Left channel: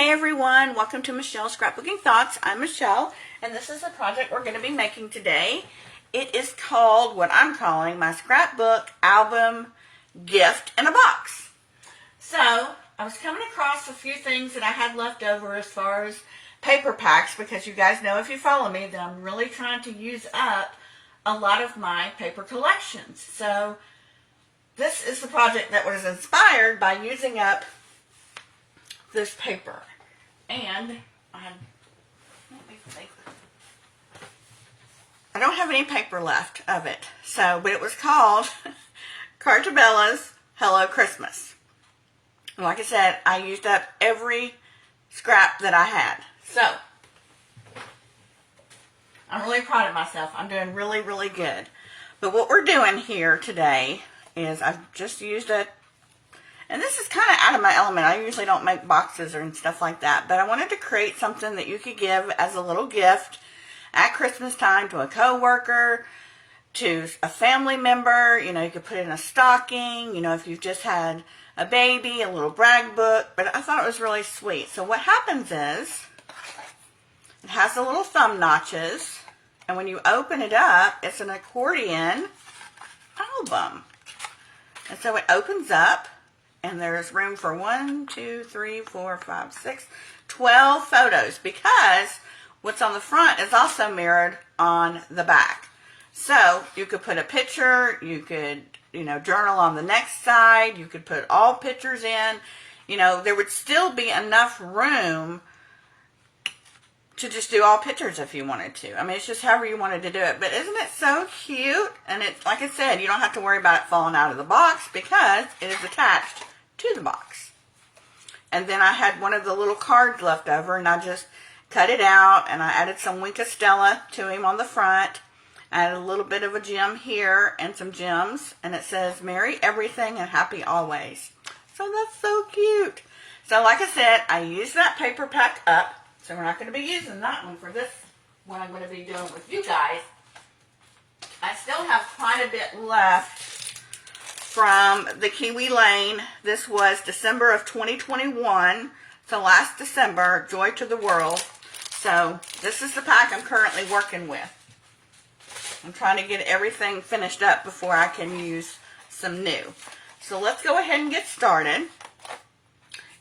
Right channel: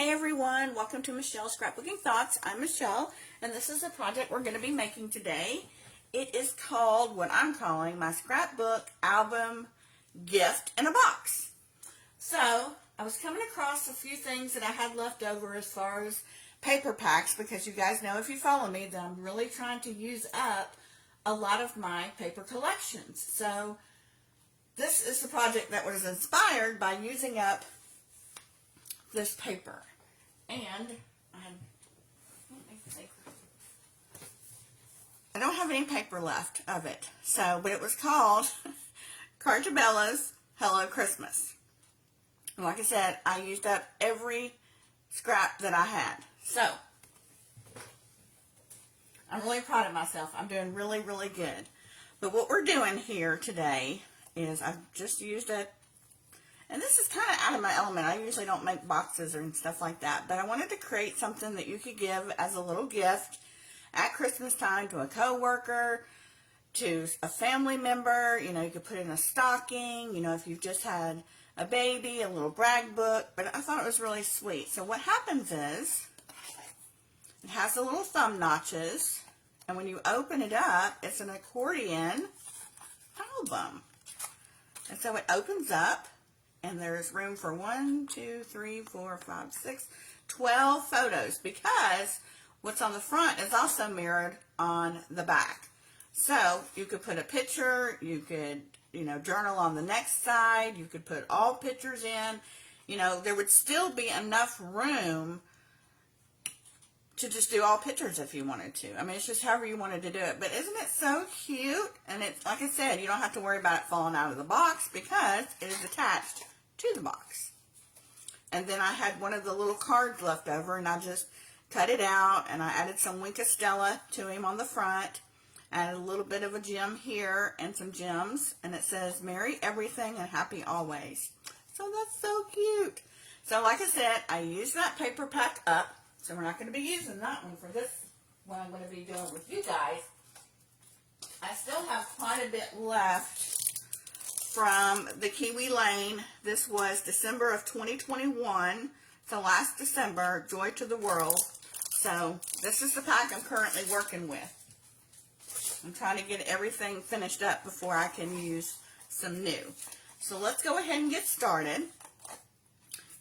Hey everyone, welcome to Michelle's Scrapbooking Thoughts. I'm Michelle, and this is the project we're going to be making today. It is called, what I'm calling, my scrapbook album gift in a box. So, I was coming across a few things that I had left over as far as paper packs, because you guys know if you follow me that I'm really trying to use up a lot of my paper collections. So, this is the project that was inspired by using up this paper. And I don't have any paper left of it. So, but it was called Carta's Hello Christmas. And like I said, I used up every scrap that I had. So, I'm really proud of myself. I'm doing really, really good. But what we're doing here today is I've just used it. And this is kind of out of my element. I usually don't make boxes and stuff like that. But I wanted to create something that you could give as a little gift at Christmas time to a coworker, to a family member. You know, you could put it in a stocking. You know, if you've just had a baby, a little brag book. But I thought it was really sweet. So what happens is, it has the little thumb notches. And when you open it up, it's an accordion album. And so it opens up. And there's room for 12 photos, because what's on the front is also mirrored on the back. So you could put a picture, you could, journal on the next side, you could put all pictures in. There would still be enough room to just do all pictures if you wanted to. I mean, it's just however you wanted to do it. But isn't it so cute? And it's, like I said, you don't have to worry about it falling out of the box because it is attached to the box. And then I had one of the little cards left over, and I just cut it out, and I added some Wink of Stella to him on the front. I added a little bit of a gem here and some gems, and it says, "Merry everything and happy always." So that's so cute. So like I said, I used that paper pack up, so we're not going to be using that one for this one I'm going to be doing with you guys. I still have quite a bit left from the Kiwi Lane. This was December of 2021. So last December, Joy to the World. So this is the pack I'm currently working with. I'm trying to get everything finished up before I can use some new. So let's go ahead and get started.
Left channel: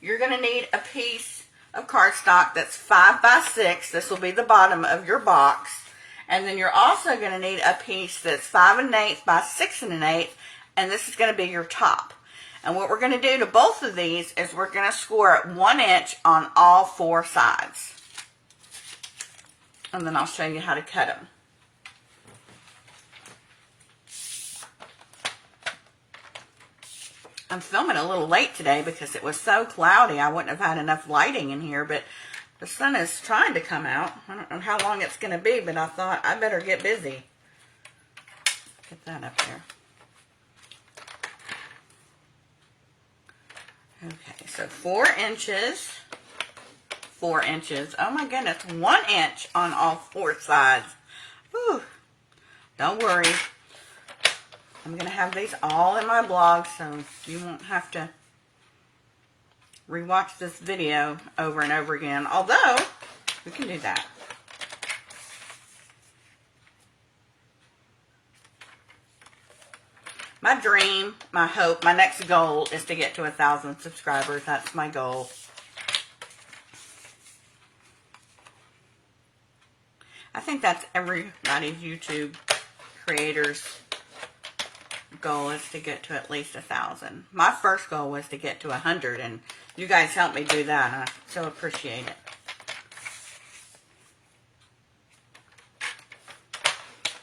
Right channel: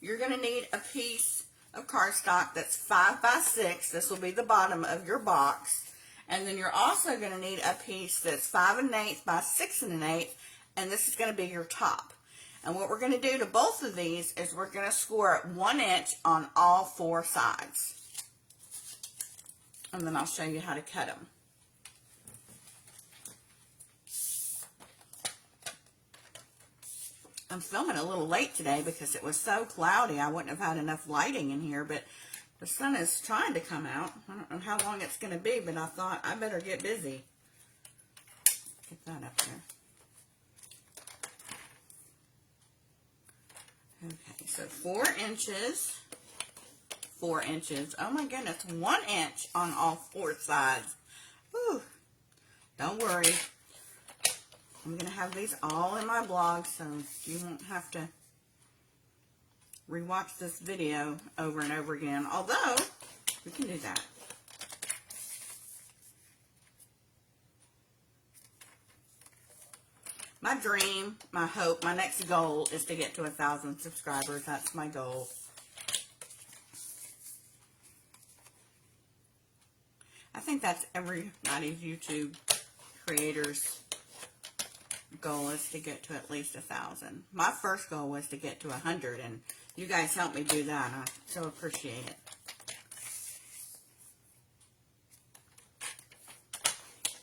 You're going to need a piece of cardstock that's 5 by 6. This will be the bottom of your box. And then you're also going to need a piece that's 5 1/8 by 6 1/8. And this is going to be your top. And what we're going to do to both of these is we're going to score it 1 inch on all 4 sides. And then I'll show you how to cut them. I'm filming a little late today because it was so cloudy. I wouldn't have had enough lighting in here, but the sun is trying to come out. I don't know how long it's going to be, but I thought I better get busy. Get that up here. Okay, so 4 inches, 4 inches. Oh my goodness, 1 inch on all 4 sides. Whew. Don't worry. I'm going to have these all in my blog, so you won't have to rewatch this video over and over again. Although, we can do that. My dream, my hope, my next goal is to get to 1,000 subscribers. That's my goal. I think that's everybody's YouTube creators' goal, is to get to at least 1,000. My first goal was to get to 100, and you guys helped me do that, and I so appreciate it.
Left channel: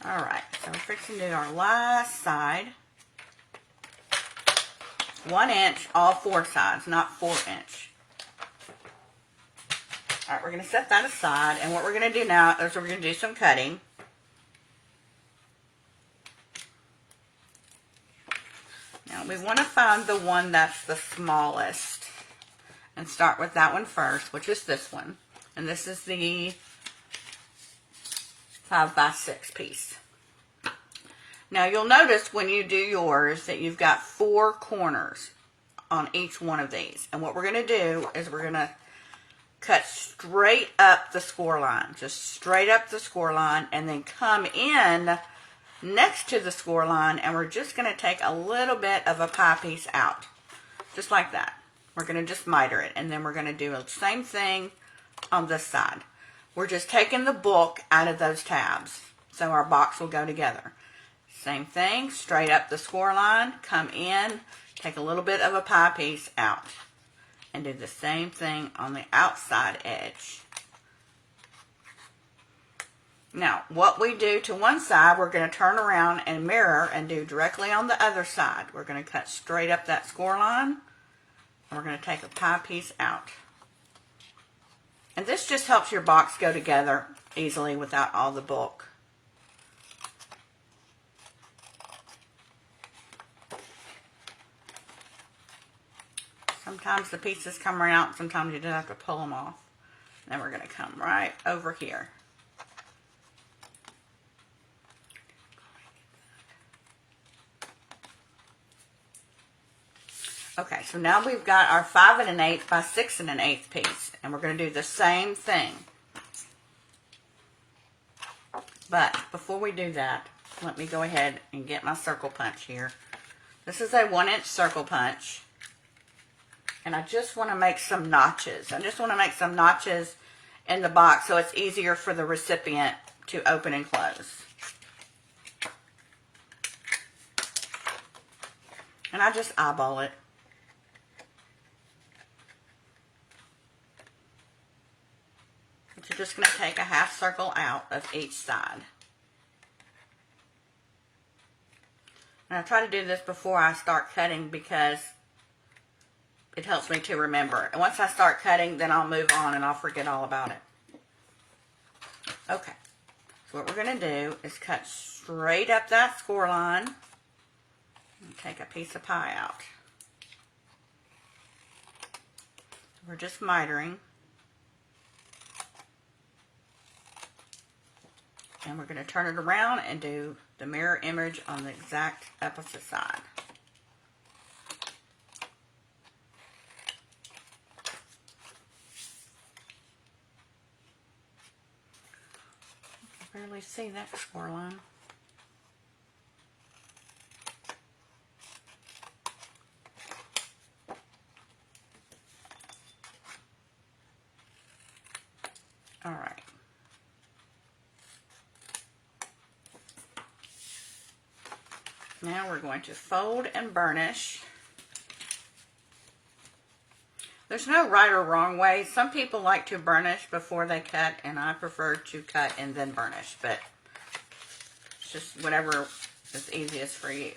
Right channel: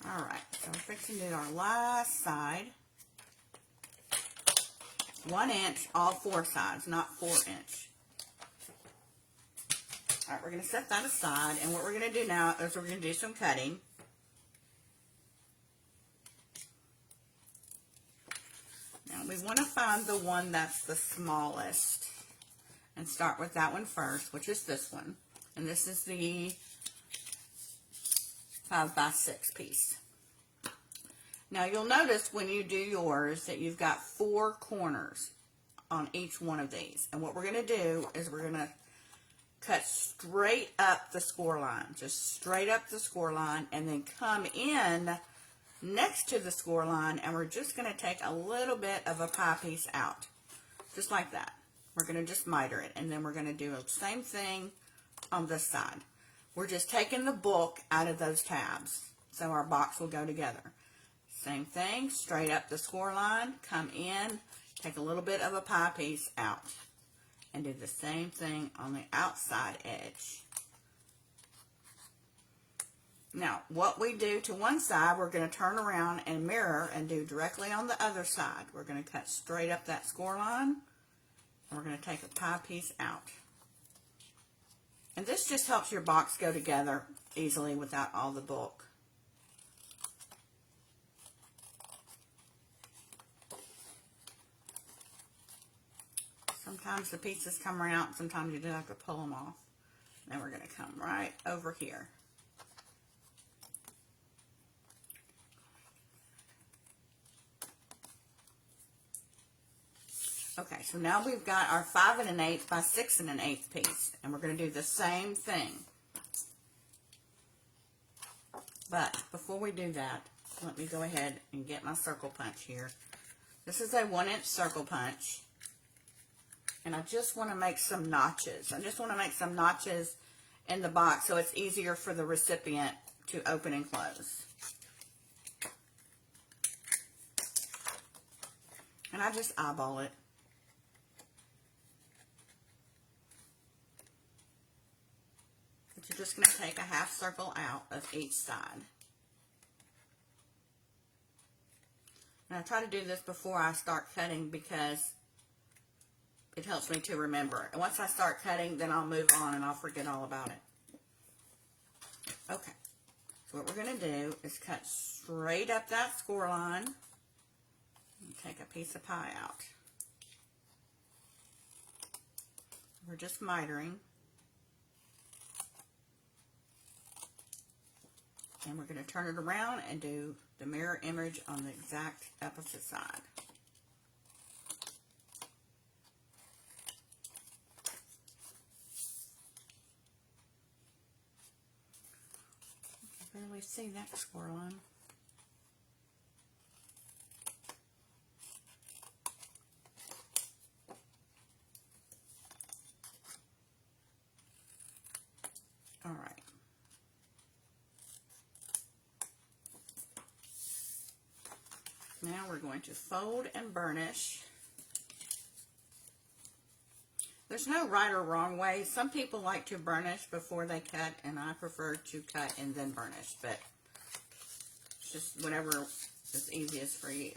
Alright, so we're fixing to do our last side. 1 inch, all 4 sides, not 4 inch. Alright, we're going to set that aside, and what we're going to do now is we're going to do some cutting. Now, we want to find the one that's the smallest, and start with that one first, which is this one. And this is the 5 by 6 piece. Now you'll notice when you do yours that you've got 4 corners on each one of these. And what we're going to do is we're going to cut straight up the score line, just straight up the score line, and then come in next to the score line, and we're just going to take a little bit of a pie piece out, just like that. We're going to just miter it, and then we're going to do the same thing on this side. We're just taking the book out of those tabs, so our box will go together. Same thing, straight up the score line, come in, take a little bit of a pie piece out, and do the same thing on the outside edge. Now, what we do to one side, we're going to turn around and mirror and do directly on the other side. We're going to cut straight up that score line, and we're going to take a pie piece out. And this just helps your box go together easily without all the bulk. Sometimes the pieces come out, sometimes you just have to pull them off. Then we're going to come right over here. Okay, so now we've got our 5 1/8 by 6 1/8 piece, and we're going to do the same thing. But before we do that, let me go ahead and get my circle punch here. This is a 1-inch circle punch, and I just want to make some notches. I just want to make some notches in the box so it's easier for the recipient to open and close. And I just eyeball it. You're just going to take a half circle out of each side. And I try to do this before I start cutting because it helps me to remember. And once I start cutting, then I'll move on and I'll forget all about it. Okay, so what we're going to do is cut straight up that score line and take a piece of pie out. We're just mitering. And we're going to turn it around and do the mirror image on the exact opposite side. You can barely see that score line. All right. Now we're going to fold and burnish. There's no right or wrong way. Some people like to burnish before they cut, and I prefer to cut and then burnish, but it's just whatever is easiest for you.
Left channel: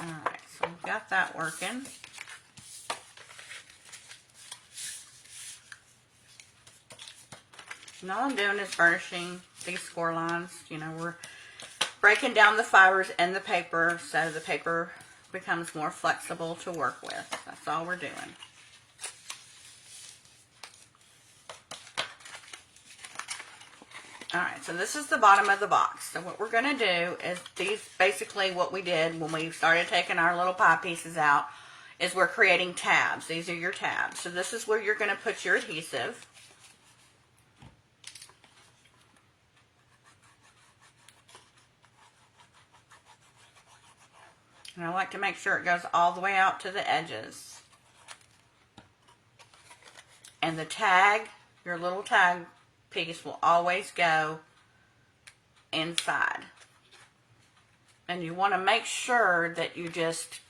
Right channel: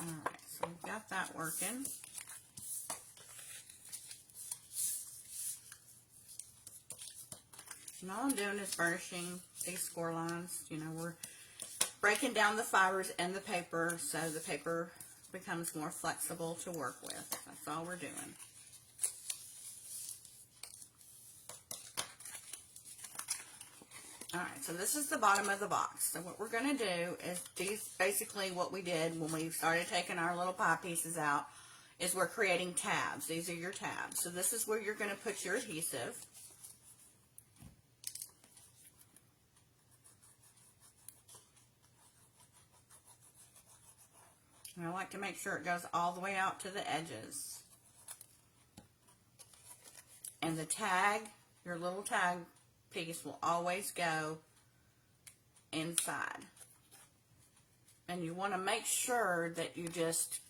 Alright, so we've got that working. And all I'm doing is burnishing these score lines. You know, we're breaking down the fibers in the paper so the paper becomes more flexible to work with. That's all we're doing. Alright, so this is the bottom of the box. So what we're going to do is these, basically what we did when we started taking our little pie pieces out, is we're creating tabs. These are your tabs. So this is where you're going to put your adhesive. And I like to make sure it goes all the way out to the edges. And the tag, your little tag piece, will always go inside. And you want to make sure that you just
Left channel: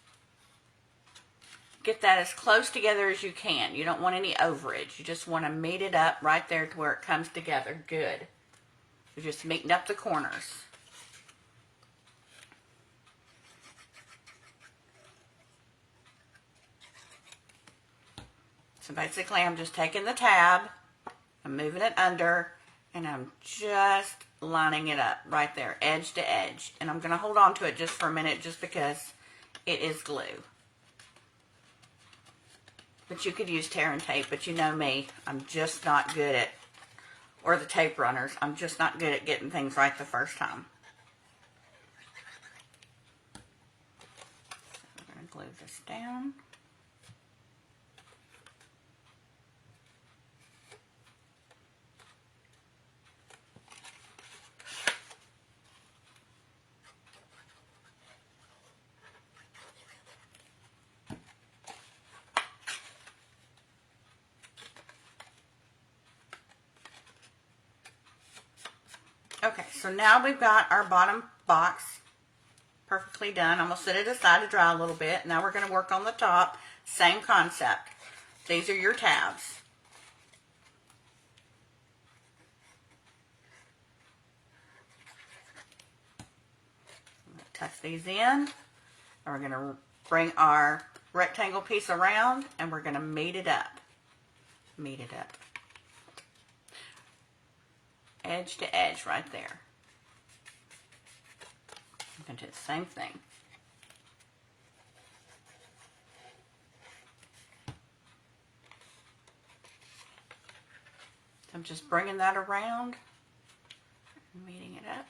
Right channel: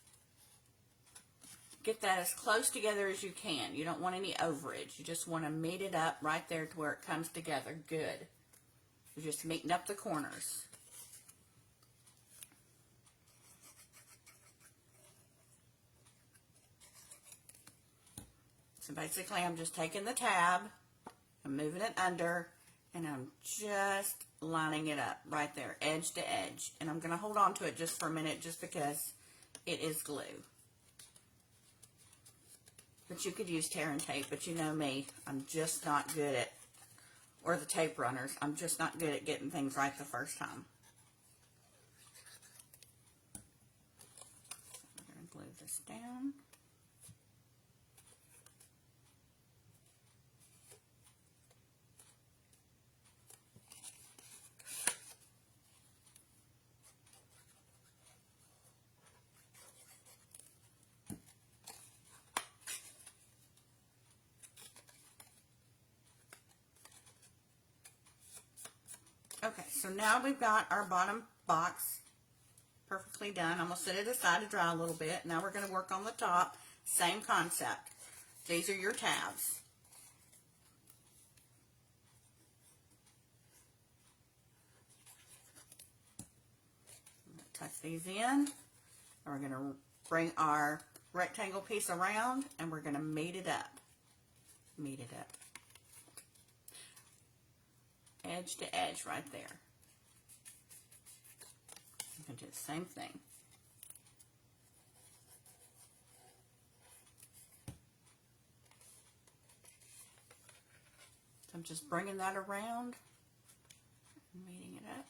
get that as close together as you can. You don't want any overage. You just want to meet it up right there to where it comes together good. You're just meeting up the corners. So basically I'm just taking the tab, I'm moving it under, and I'm just lining it up right there, edge to edge. And I'm going to hold on to it just for a minute just because it is glue. But you could use tear and tape, but you know me, I'm just not good at, or the tape runners, I'm just not good at getting things right the first time. I'm going to glue this down. Okay, so now we've got our bottom box perfectly done. I'm going to set it aside to dry a little bit. Now we're going to work on the top. Same concept. These are your tabs. Tuck these in. And we're going to bring our rectangle piece around and we're going to meet it up. Meet it up. Edge to edge right there. I'm going to do the same thing. So I'm just bringing that around, meeting it up.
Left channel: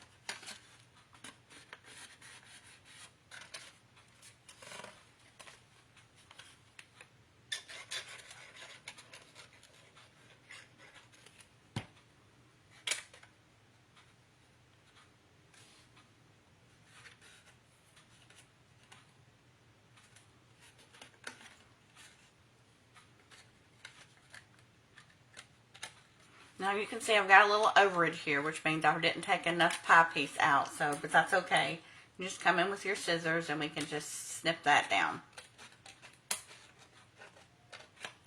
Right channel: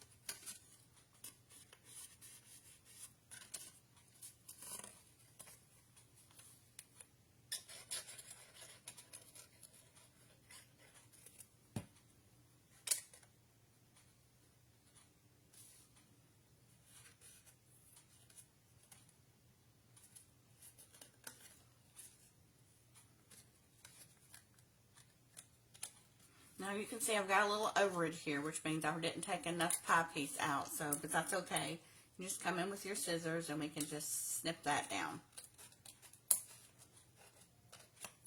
Now you can see I've got a little overage here, which means I didn't take enough pie piece out, but that's okay. You just come in with your scissors and we can just snip that down.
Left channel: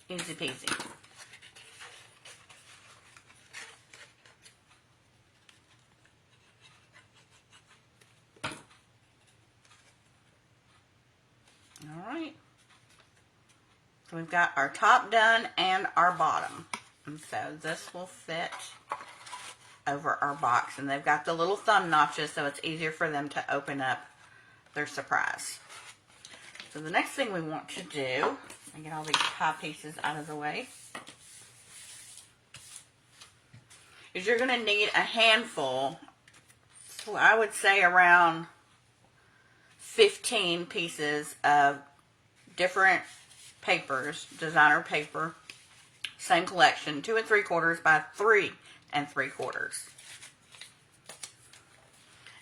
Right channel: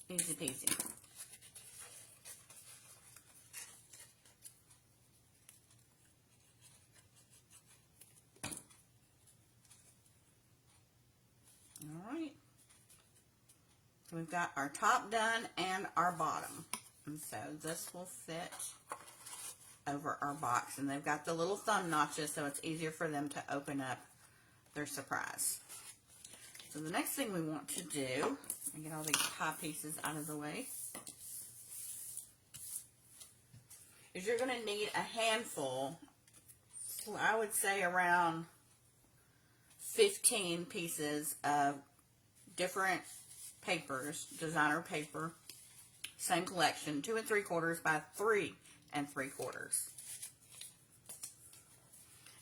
Easy peasy. Alright. So we've got our top done and our bottom. And so this will fit over our box. And they've got the little thumb notches so it's easier for them to open up their surprise. So the next thing we want to do, I get all these pie pieces out of the way, is you're going to need a handful, so I would say around 15 pieces of different papers, designer paper, same collection, 2 3/4 by 3 3/4.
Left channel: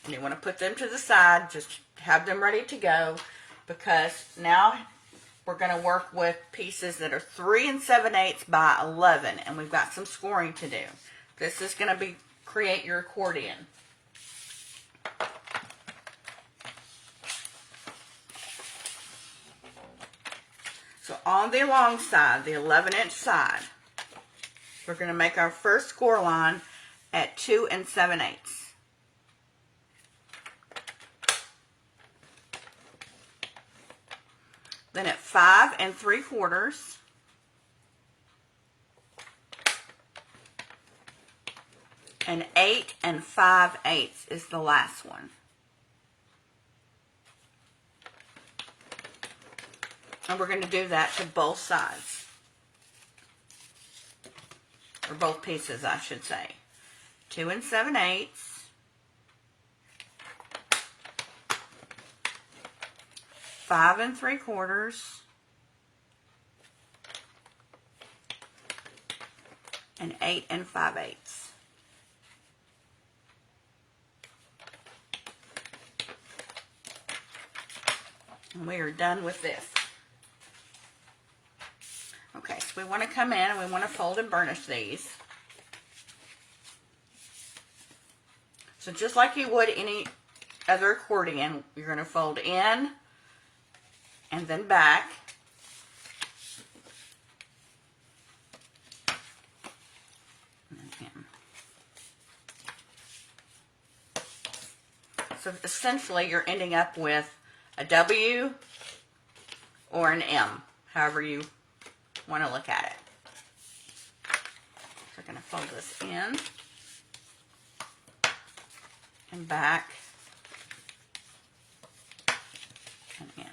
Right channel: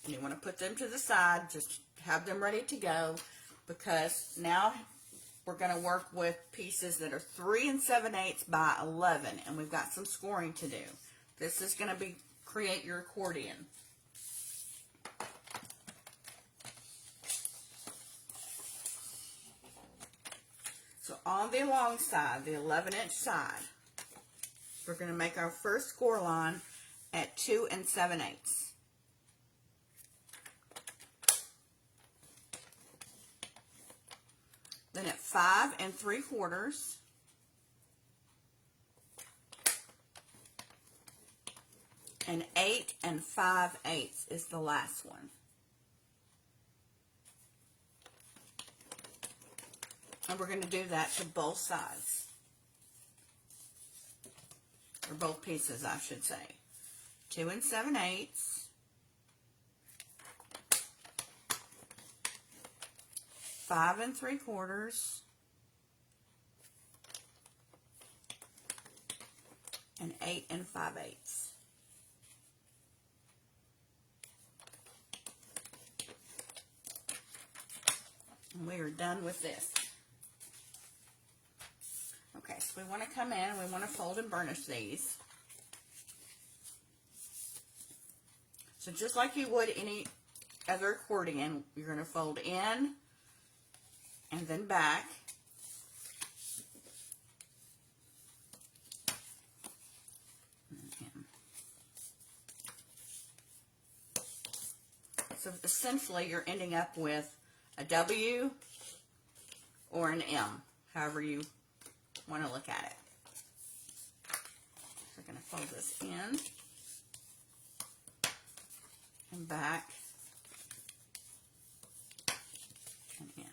And you want to put them to the side, just have them ready to go, because now we're going to work with pieces that are 3 7/8 by 11, and we've got some scoring to do. This is going to create your accordion. So on the long side, the 11-inch side, we're going to make our first score line at 2 7/8. Then at 5 3/4. And 8 5/8 is the last one. And we're going to do that to both sides. Or both pieces, I should say. 2 7/8. 5 3/4. And 8 5/8. And we are done with this. Okay, so we want to come in and we want to fold and burnish these. So just like you would any other accordion, you're going to fold in and then back. And then in. So essentially you're ending up with a W or an M, however you want to look at it. So we're going to fold this in and back and in.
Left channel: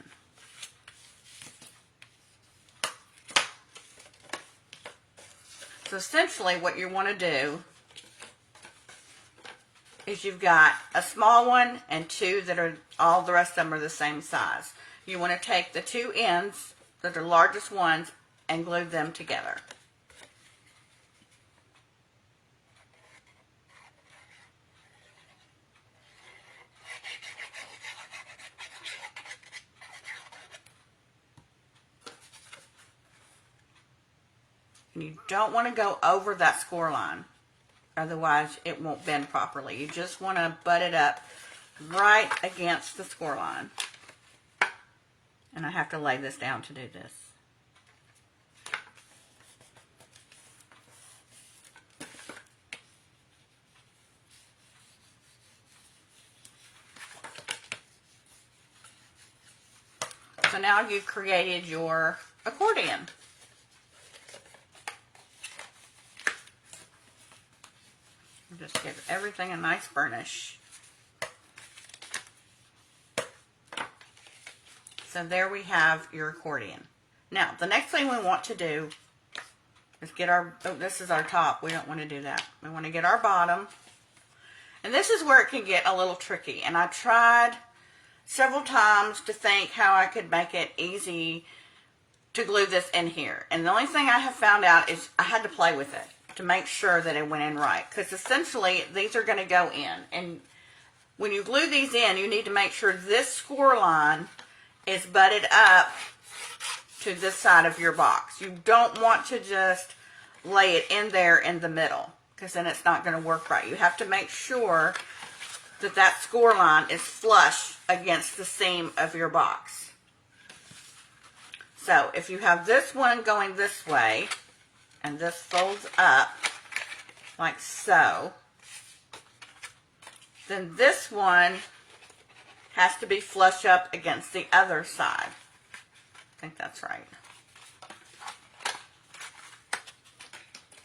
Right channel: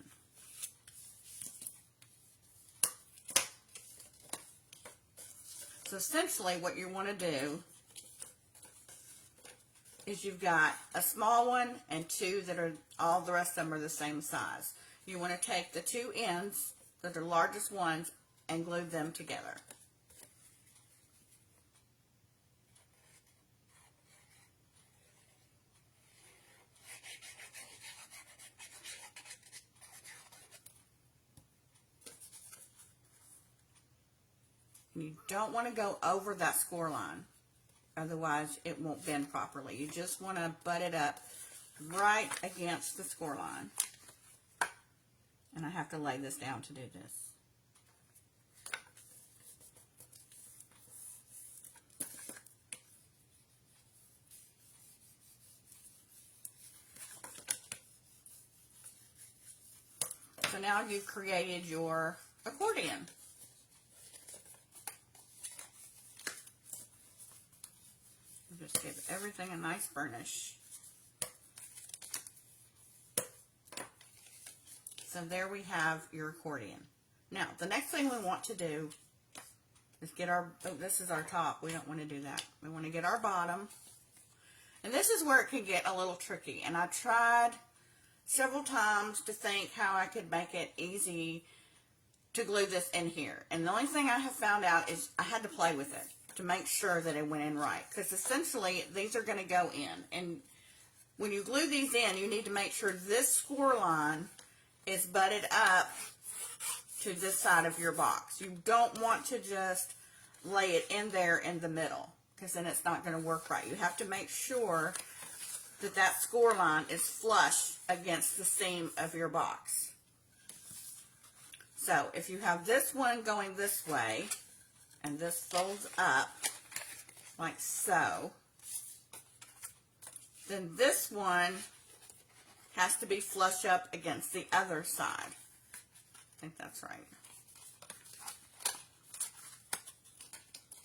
So essentially what you want to do is you've got a small one and two that are, all the rest of them are the same size. You want to take the two ends, that are the largest ones, and glue them together. And you don't want to go over that score line. Otherwise, it won't bend properly. You just want to butt it up right against the score line. And I have to lay this down to do this. So now you've created your accordion. Just give everything a nice burnish. So there we have your accordion. Now, the next thing we want to do is get our, oh, this is our top. We don't want to do that. We want to get our bottom. And this is where it can get a little tricky. And I tried several times to think how I could make it easy to glue this in here. And the only thing I have found out is I had to play with it to make sure that it went in right. Because essentially, these are going to go in. And when you glue these in, you need to make sure this score line is butted up to this side of your box. You don't want to just lay it in there in the middle, because then it's not going to work right. You have to make sure that that score line is flush against the seam of your box. So if you have this one going this way, and this folds up like so, then this one has to be flush up against the other side. I think that's right.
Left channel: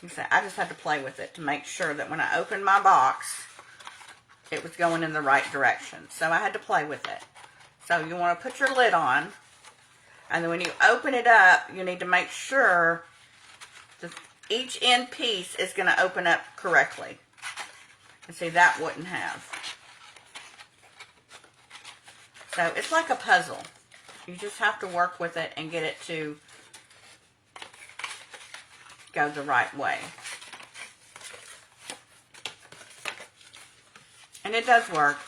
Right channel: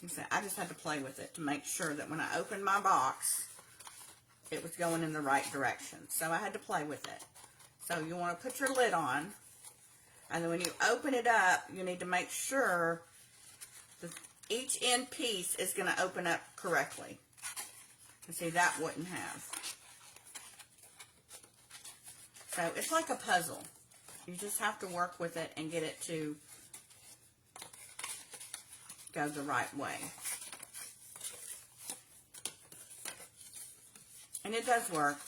You see, I just had to play with it to make sure that when I opened my box, it was going in the right direction. So I had to play with it. So you want to put your lid on, and then when you open it up, you need to make sure that each end piece is going to open up correctly. And see, that wouldn't have. So it's like a puzzle. You just have to work with it and get it to go the right way. And it does work.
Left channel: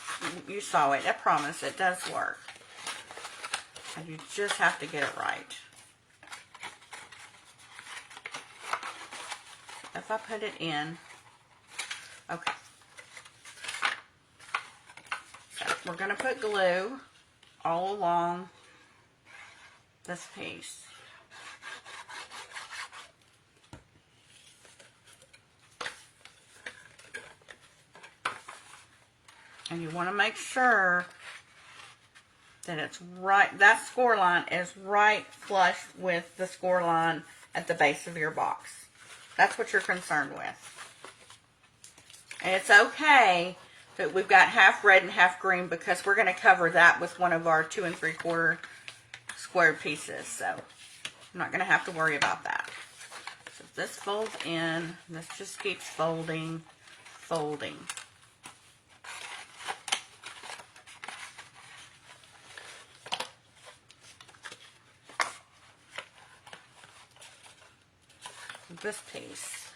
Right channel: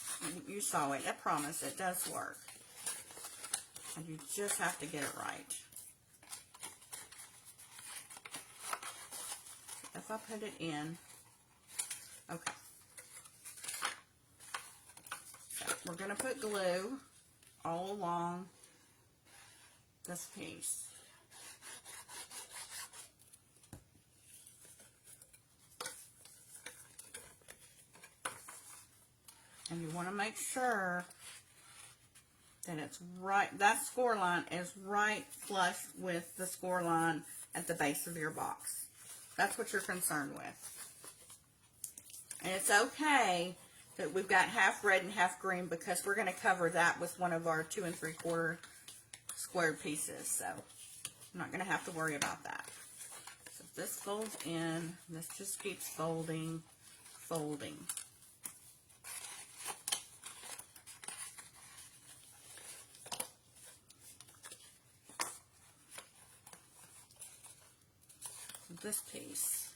You saw it. I promise it does work. And you just have to get it right. If I put it in, okay. So we're going to put glue all along this piece. And you want to make sure that it's right, that score line is right flush with the score line at the base of your box. That's what you're concerned with. And it's okay that we've got half red and half green, because we're going to cover that with one of our 2 3/4 square pieces. So I'm not going to have to worry about that. So this folds in. This just keeps folding, folding. This piece.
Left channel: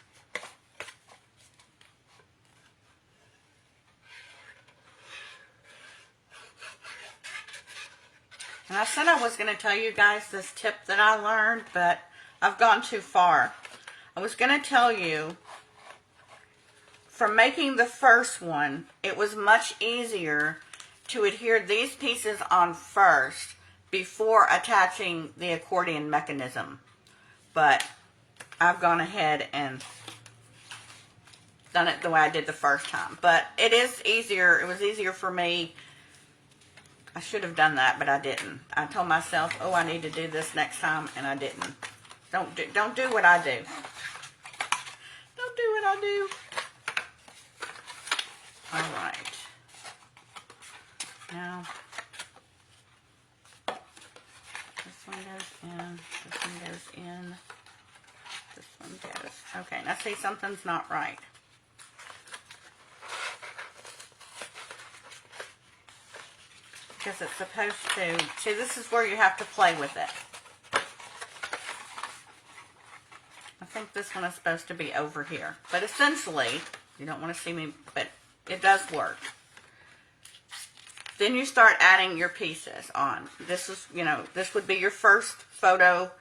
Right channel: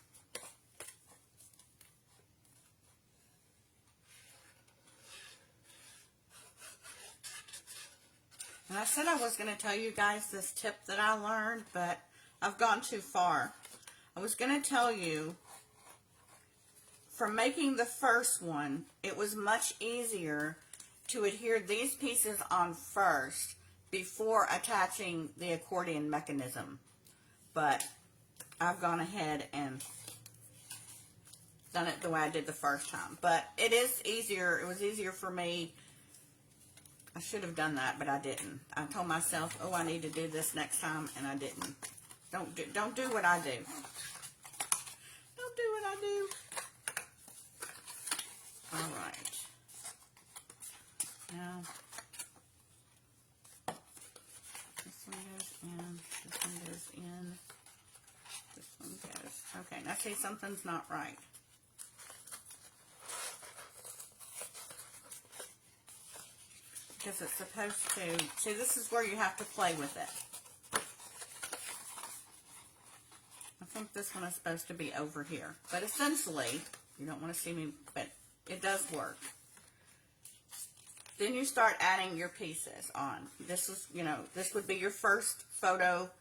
And I said I was going to tell you guys this tip that I learned, but I've gone too far. I was going to tell you, from making the first one, it was much easier to adhere these pieces on first before attaching the accordion mechanism. But I've gone ahead and done it the way I did the first time. But it is easier. It was easier for me. I should have done that, but I didn't. I told myself, oh, I need to do this next time, and I didn't. Don't do what I do. Don't do what I do. All right. Now, this one goes in. This one goes in. This one goes. Okay, now See, something's not right. Because it's supposed to, see, this is where you have to play with it. I think this one is supposed to be over here. But essentially, you don't want to see me, but it does work. Then you start adding your pieces on. This is, you know, this would be your first photo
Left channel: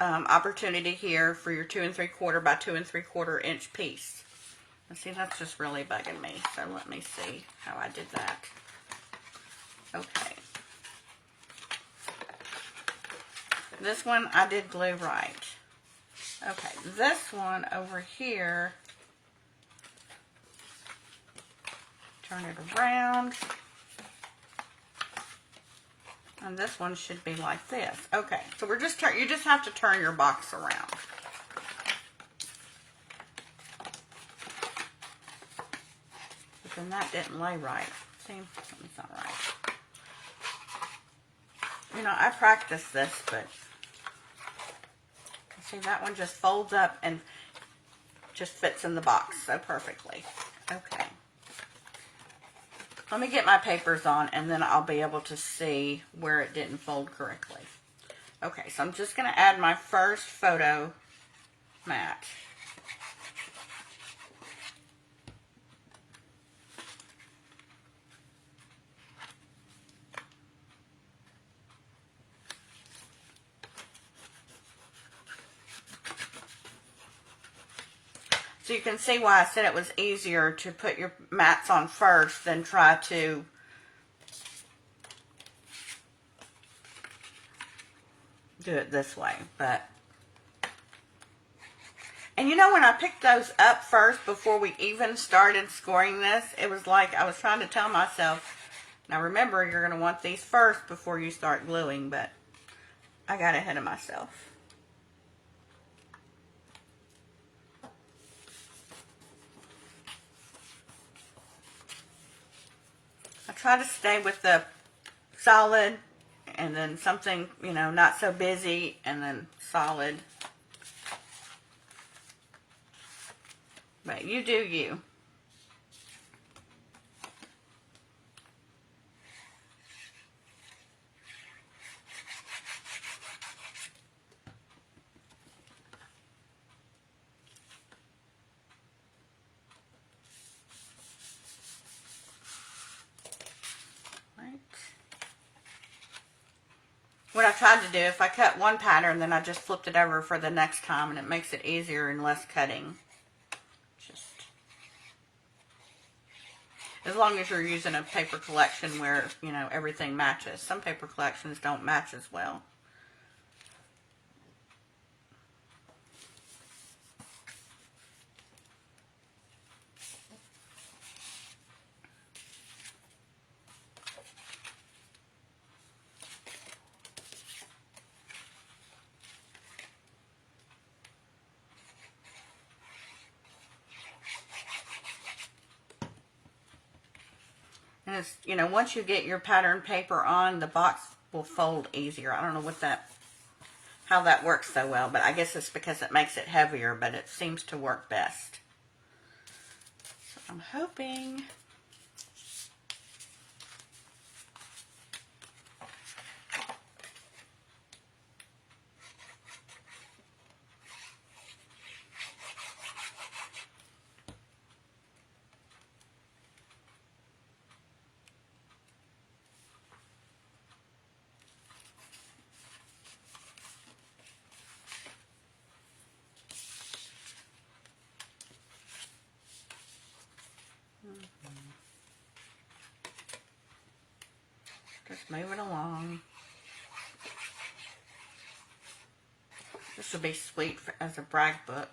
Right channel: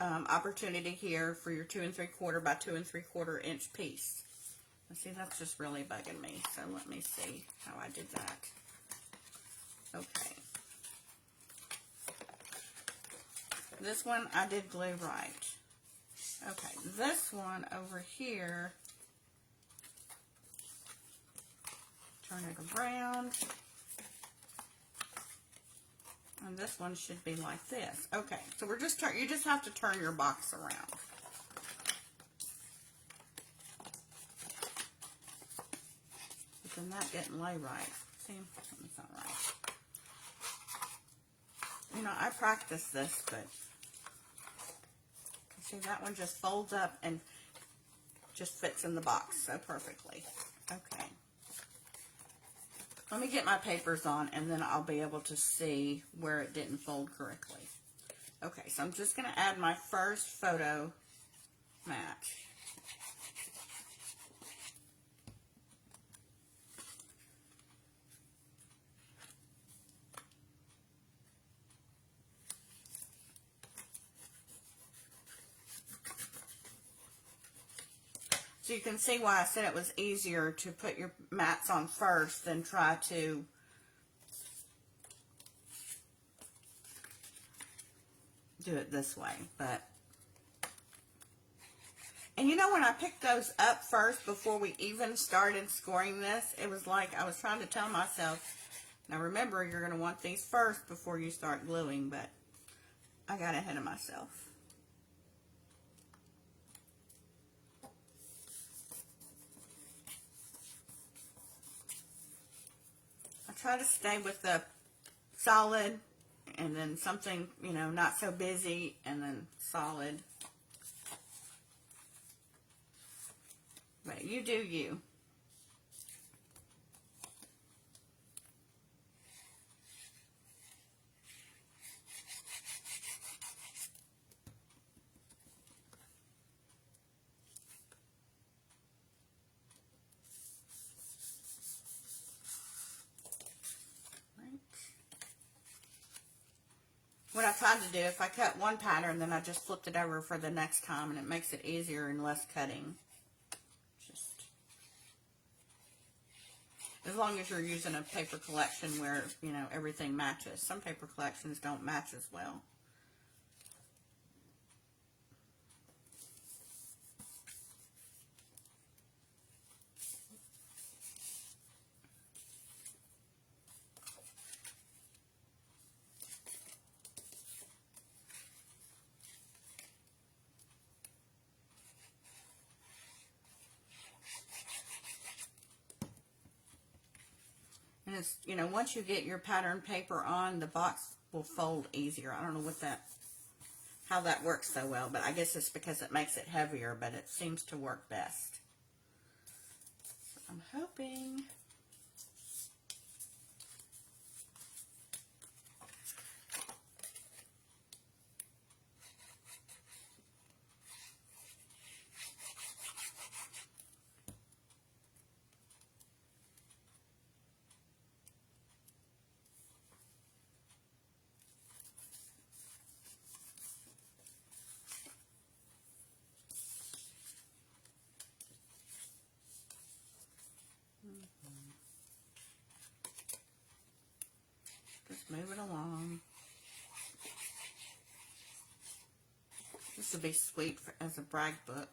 opportunity here for your 2 3/4 by 2 3/4 inch piece. And see, that's just really bugging me. So let me see how I did that. Okay. This one I did glue right. Okay, this one over here, turn it around. And this one should be like this. Okay, so we're just you just have to turn your box around. But then that didn't lay right. See, it's not right. You know, I practiced this, but see, that one just folds up and just fits in the box so perfectly. Okay. Let me get my papers on, and then I'll be able to see where it didn't fold correctly. Okay, so I'm just going to add my first photo mat. So you can see why I said it was easier to put your mats on first than try to do it this way. But, and you know, when I picked those up first before we even started scoring this, it was like I was trying to tell myself, now remember, you're going to want these first before you start gluing, but I got ahead of myself. Try to stay with the solid, and then something, you know, not so busy, and then solid. But you do you. What I tried to do, if I cut one pattern, then I just flipped it over for the next time, and it makes it easier and less cutting. Just as long as you're using a paper collection where, you know, everything matches. Some paper collections don't match as well. And it's, you know, once you get your pattern paper on, the box will fold easier. I don't know how that works so well, but I guess it's because it makes it heavier, but it seems to work best. So I'm hoping. Just move it along. This would be sweet as a brag book.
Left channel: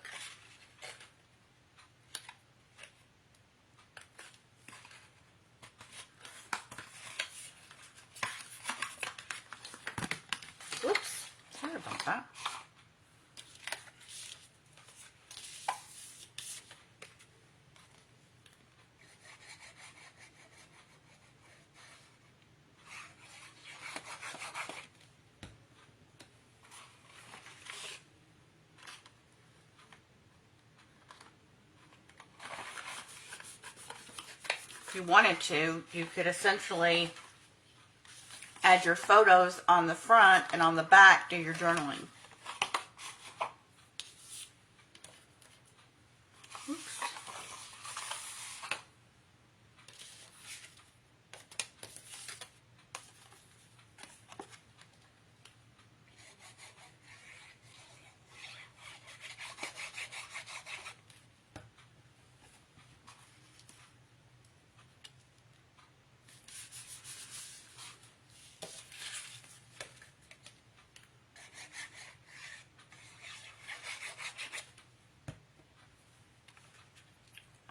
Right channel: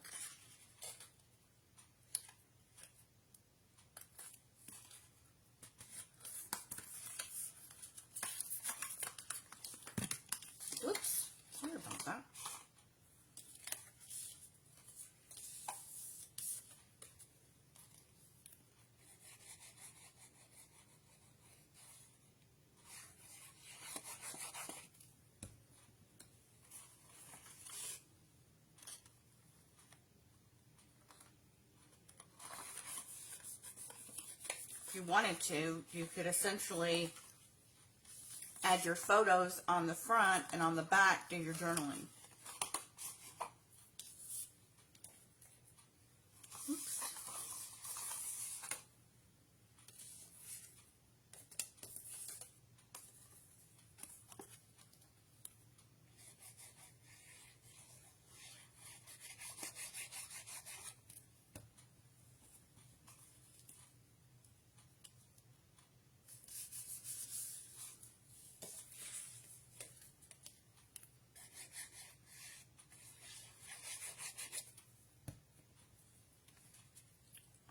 Oops, sorry about that. you wanted to, you could essentially add your photos on the front, and on the back do your journaling. Oops.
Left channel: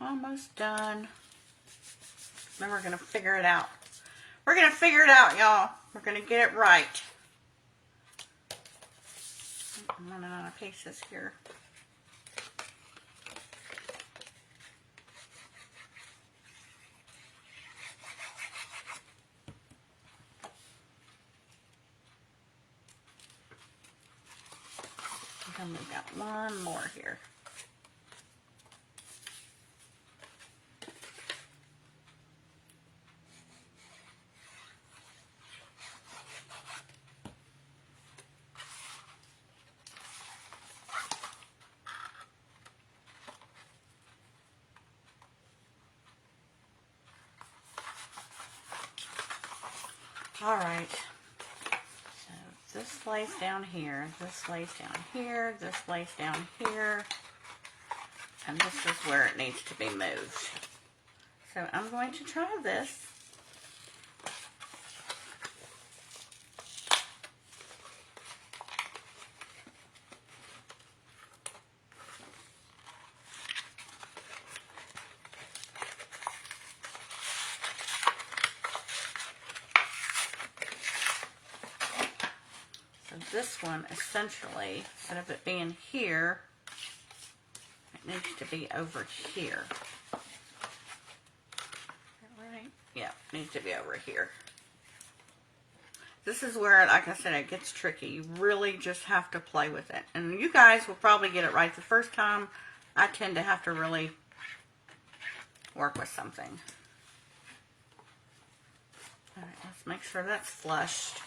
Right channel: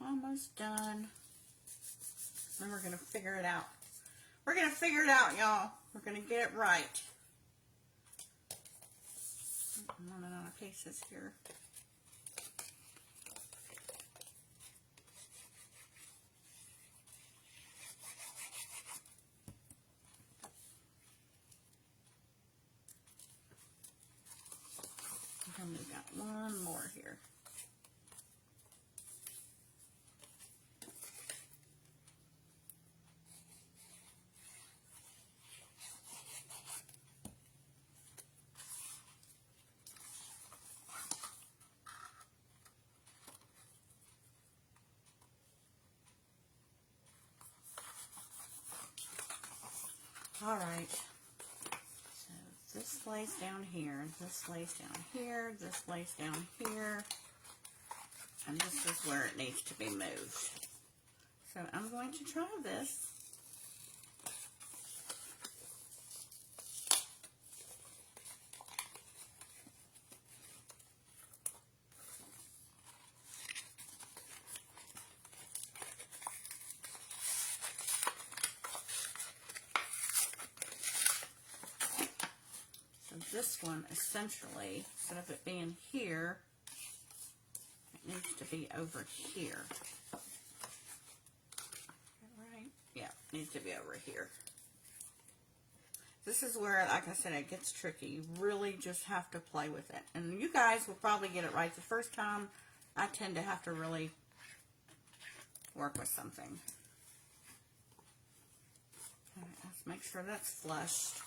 Almost done. Then we're going to figure it out. We're going to figure it out, y'all. We're going to get it right. I'm running out of pieces here. And we've got one more here. All right, so this lays down here, this lays down here, this lays down here, and this is where it needs to be moved. So I'm going to try this. This one, essentially, instead of it being here, it needs to be over here. Right? Yeah, it needs to be over here. This is where, like I said, it gets tricky. You really just have to play with it. And you guys will probably get it right the first time. I tend to have to really work with something. All right, let's make sure that's flushed.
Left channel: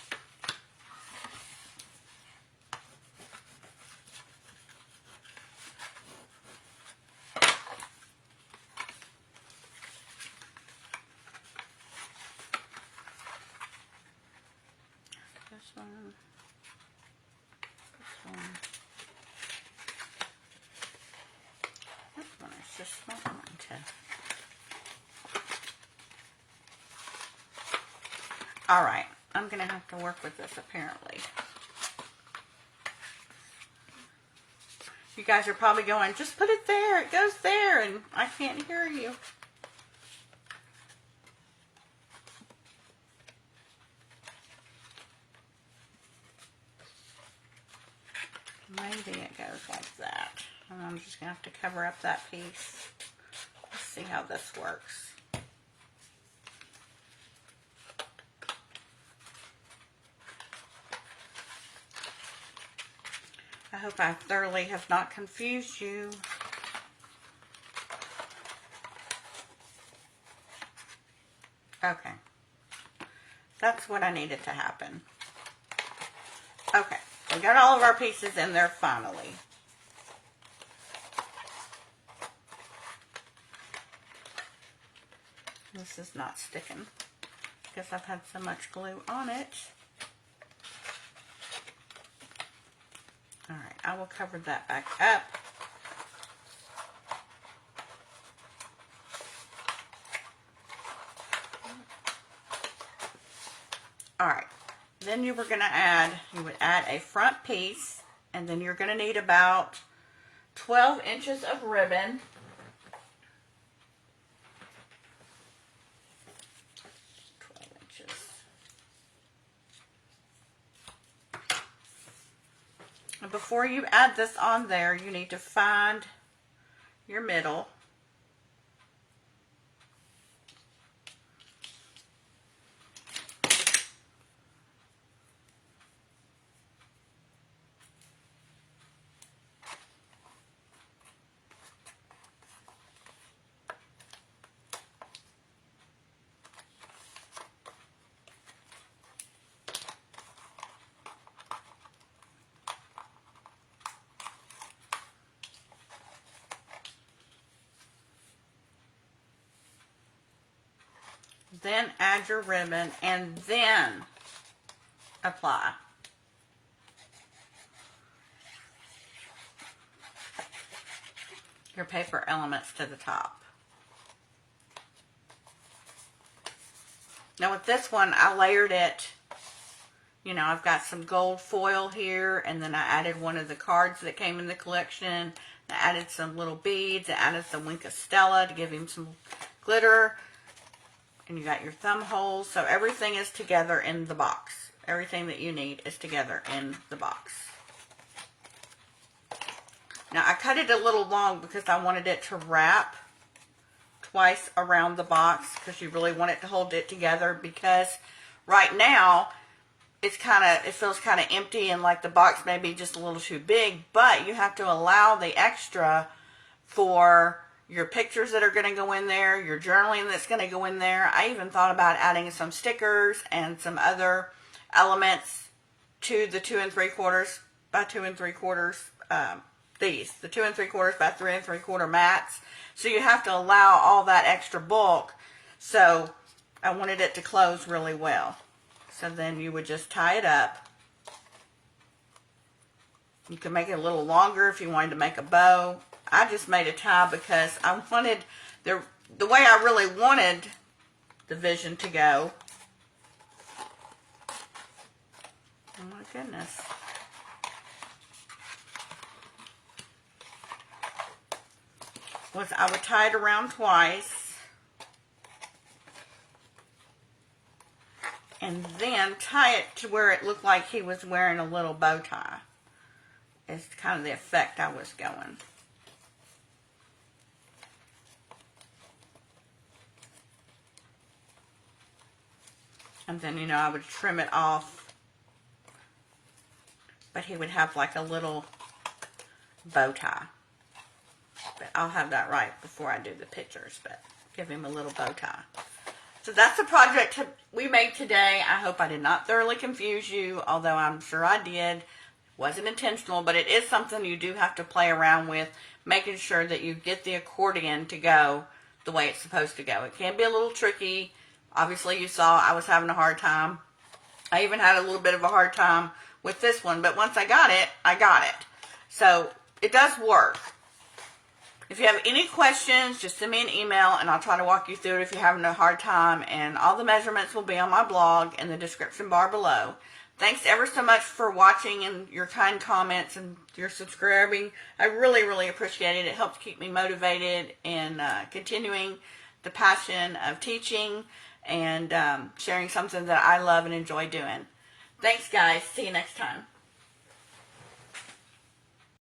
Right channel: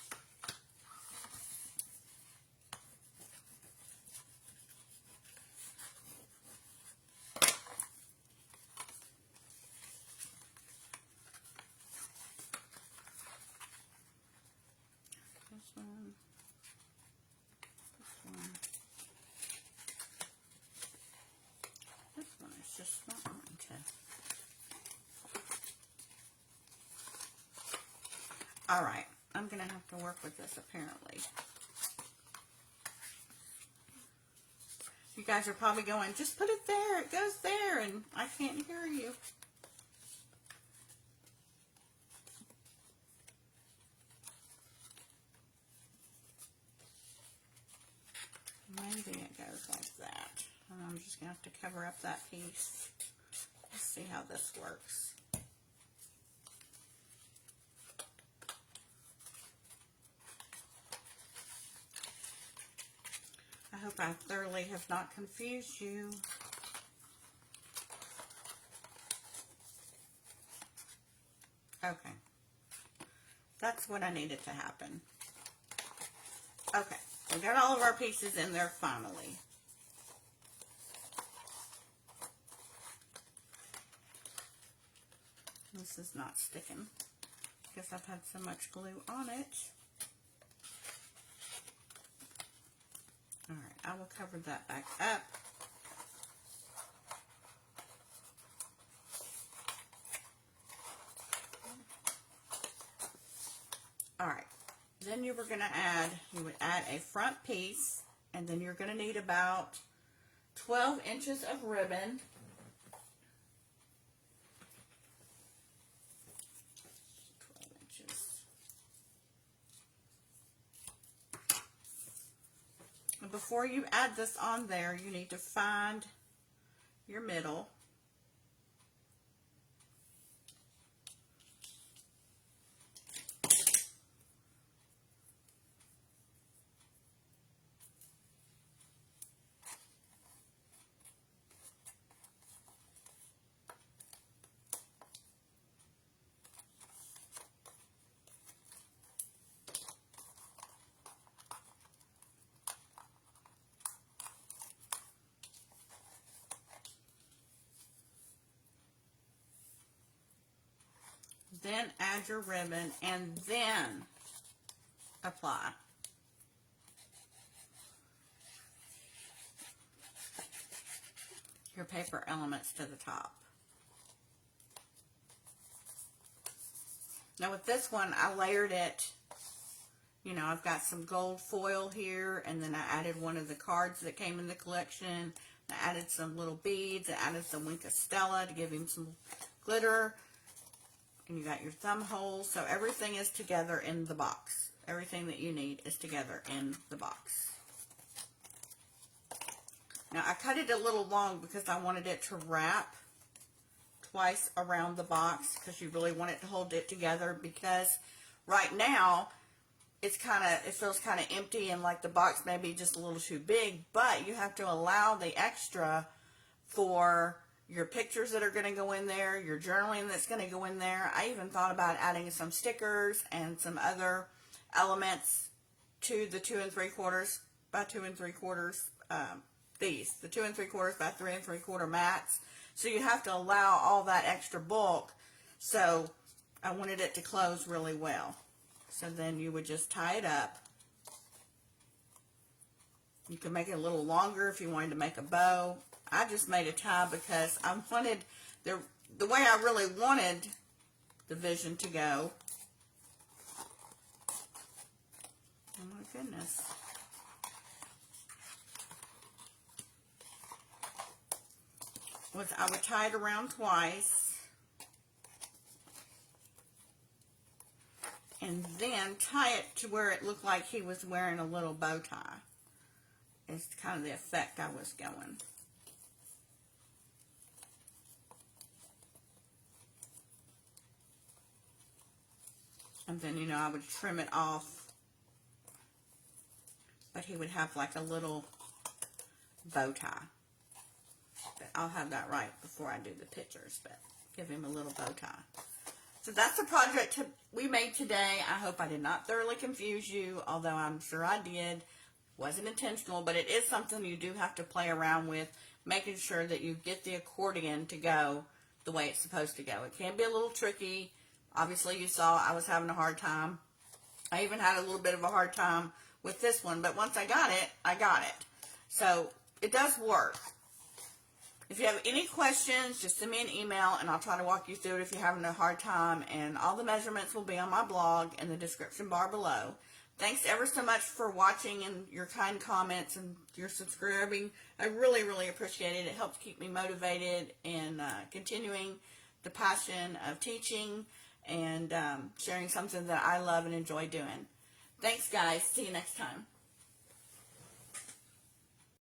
All right, I'm going to have to work with this apparently. You guys are probably going, just put it there, it goes there, and I can't hear you. Maybe it goes like that. And I'm just going to have to cover up that piece. Let's see how this works. I hope I thoroughly have not confused you. Okay. That's what I needed to happen. Okay. We got all of our pieces in there finally. This is not sticking because I've had so much glue on it. All right, I will cover that back up. All right, then you would add a front piece, and then you're going to need about 12 inches of ribbon. Before you add this on there, you need to find your middle. add your ribbon and then apply. Your paper elements to the top. Now with this one, I layered it. You know, I've got some gold foil here, and then I added one of the cards that came in the collection. I added some little beads. I added some Winka Stella to give him some glitter. And you got your thumb holes. So everything is together in the box. Everything that you need is together in the box. Now I cut it a little long because I wanted it to wrap twice around the box, because you really want it to hold it together, because right now it feels kind of empty and like the box may be just a little too big, but you have to allow the extra for your pictures that are going to go in there, your journaling that's going to go in there. I even thought about adding some stickers and some other elements to the 2 3/4 by 2 3/4 the 2 3/4 by 3 3/4 mats. So you have to allow all that extra bulk. So I wanted it to close really well. So then you would just tie it up. You can make it a little longer if you wanted to make a bow. I just made a tie because I wanted the way I really wanted the vision to go. Oh my goodness. Was I would tie it around twice. And then tie it to where it looked like he was wearing a little bow tie. It's kind of the effect I was going. And then, you know, I would trim it off. But he would have like a little bow tie. But I'll have that right before I do the pictures. But give him a little bow tie. So that's the project we made today. I hope I did not thoroughly confuse you, although I'm sure I did. It wasn't intentional, but it is something you do have to play around with, making sure that you get the accordion to go the way it's supposed to go. It can be a little tricky. Obviously, you saw I was having a hard time. I even had a little bit of a hard time with this one, but once I got it, I got it. So it does work. If you have any questions, just send me an email and I'll try to walk you through it if you're having a hard time. And all the measurements will be on my blog in the description bar below. Thanks ever so much for watching and your kind comments and your subscribing. I really, really appreciate it. It helps keep me motivated in continuing the passion of teaching and sharing something that I love and enjoy doing. Thanks, guys. See you next time.